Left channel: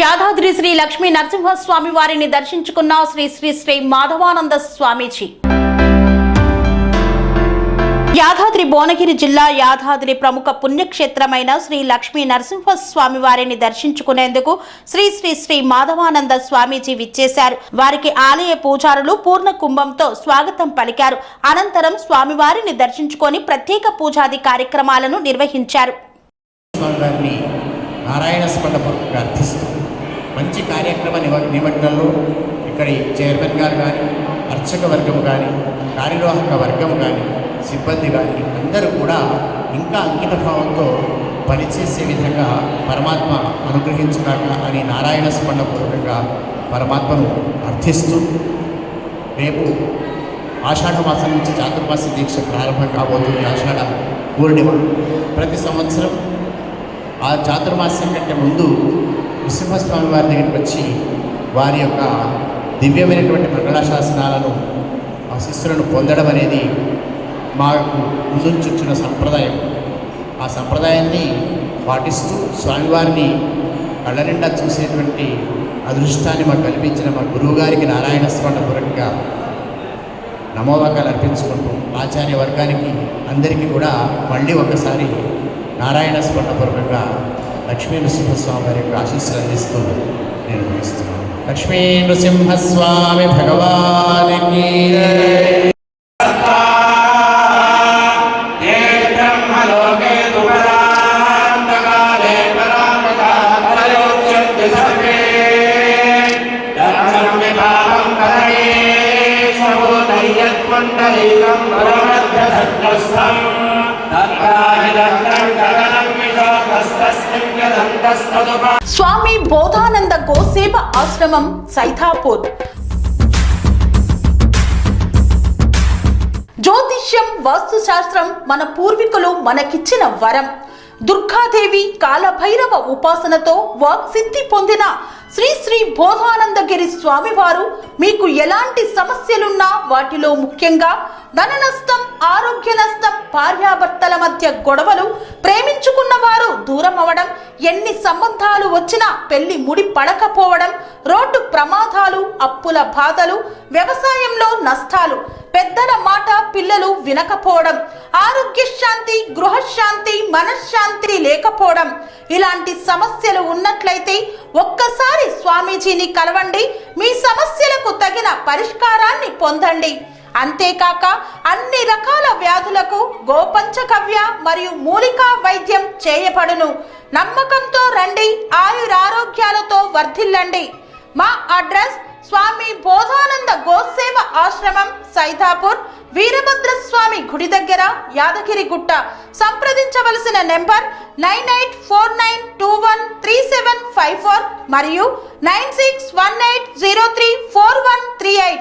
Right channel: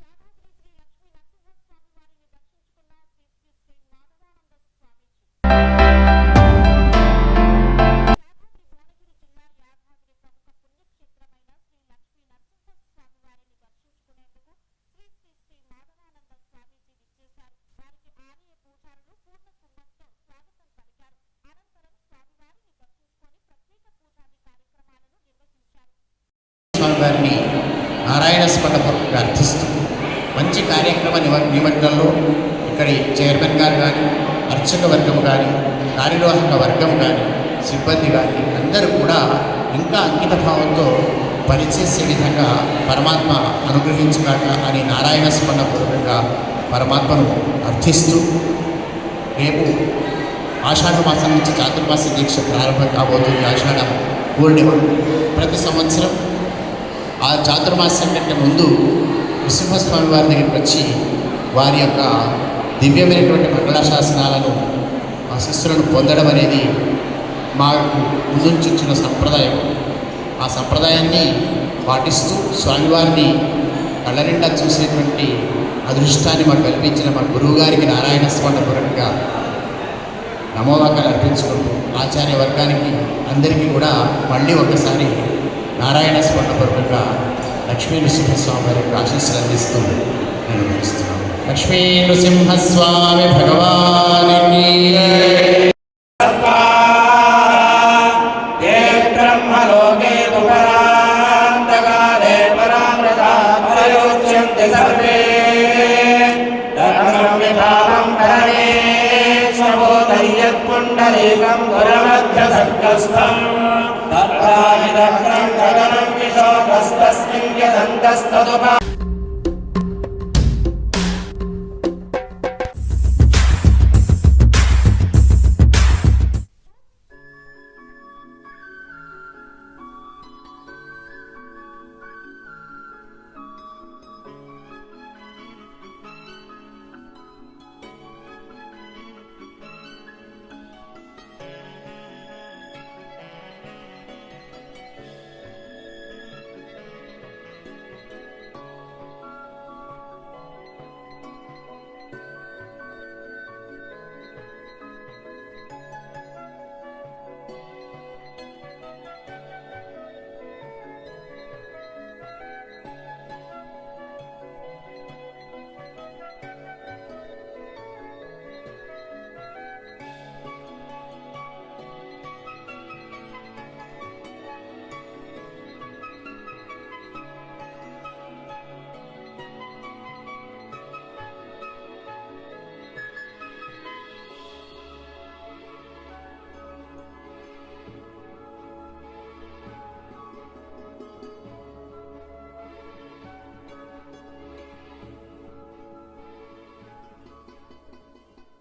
యాదాద్రి శ్రీ లక్ష్మీ నరసింహస్వామి వారిని దర్శించుకున్న శ్రీ శ్రీ శ్రీ మాధవానంద స్వామీజీ. యాదాద్రి భువనగిరి జిల్లా యాదాద్రి ప్రముఖ పుణ్యక్షేత్రమైన శ్రీ లక్ష్మీ నరసింహస్వామి వారిని దర్శించుకునేందుకు శ్రీ శ్రీ శ్రీ మాధవానంద స్వామీజీ విచ్చేశారు. వారికి ఆలయ పూజారులు పూర్ణ కుంభంతో స్వాగతం పలికారు. అనంతరం స్వామివారిని దర్శించుకొని ప్రత్యేక పూజాది కార్యక్రమాలను నిర్వహించారు. నారాయణ స్పండపూర్వకంగా అర్థిస్తూ మంచి కార్యక్రమ నిమగ్నంలో ఇక్కడి చైర్మన్ గారు కానీ, అర్చక వర్గం కానీ, కార్యనిర్వాహక వర్గం కానీ, సిబ్బంది కానీ అందరూ కూడా ఇంకా అంకిత భావంతో పనిచేసే విధంగా పరమాత్మ అనుగ్రహించుగాక అని నారాయణ స్పండపూర్వకంగా పరమాత్మను అర్థిస్తూ రేపు ఆషాఢ మాసం నుంచి చాతుర్మాస దీక్ష ప్రారంభం కాబోతుంది. ఆషాఢ పూర్ణిమ ప్రతి సంవత్సరం ఆ చాతుర్మాస్యం కంటే ముందు నృసింహస్వామి వారి దగ్గరికి వచ్చి వారి యొక్క దివ్యమైనటువంటి మంగళాశాసనాలను ఆ శిష్యులను పొందడం అనేది మాకు ముందుంచి వచ్చిన సంప్రదాయం. ఆ సంప్రదాయాన్ని పాటిస్తూ స్వామివారిని కళ్ళ నిండా చూసేటువంటి అదృష్టాన్ని మాకు కల్పించిన మా గురువుగారికి నారాయణ స్పండపూర్వకంగా నమోవాకాలు అర్పించుకుంటూ ఆచార్య వర్గానికి అందరికీ కూడా మళ్ళీ ఒకసారి నారాయణ స్పండపూర్వకంగా లక్ష్మీ నృసింహస్వామి వారి యొక్క ఆశీస్సులు అందిస్తూ నేను ముగిస్తున్నాను. లక్ష్మీ నృసింహస్వామి భగవానికి స్వామి బోధానంద గోసేవ ఆశ్రమం సైథాపూర్. జ్యోతిష్యం, వాస్తుశాస్త్రం మన పూర్వీకులు మనకిచ్చిన వరం. దుర్గాదేవి, కాలభైరవ ఉపాసనతో వాక్సిద్ధి పొందిన శ్రీ శ్రీ బోధానందగిరి స్వామివారు మీకు ఎలాంటి సమస్యలున్నా, వాటిలో ముఖ్యంగా ధన నష్టం, ఆరోగ్య నష్టం, భార్యాభర్తల మధ్య గొడవలు, ప్రేమించుకున్న వారు దూరం అవడం, ఎన్ని సంబంధాలు వచ్చినా పెళ్లి ముడి పడకపోవడం, రోడ్డు ప్రమాదాలు, అప్పుల బాధలు, వ్యవసాయంలో నష్టాలు, పెద్దల మాట పిల్లలు వినకపోవడం, ఆరోగ్య శాంతి, గృహశాంతి, మనశ్శాంతి లేకపోవడం, ఇలాంటి సమస్యలు ఉన్నట్లయితే ఒక్కసారి స్వామీజీని కలవండి. మీ సమస్యలకు తగిన పరిష్కారాన్ని పొందండి. అంతేకాక అన్ని రకాల వ్యాధులకు గోపంచకవ్య మరియు మూలికా వైద్యం చేయబడును. నమ్మకంతో రండి, ఆయురారోగ్యాలతో వర్ధిల్లండి. మా అడ్రస్ స్వామి బోధానంద గోసేవ ఆశ్రమం, సైథాపూర్, వీరభద్రస్వామి గుడి దగ్గర, యాదగిరిగుట్ట. సంప్రదించవలసిన నెంబర్ 9849213754 మరియు 9618034138.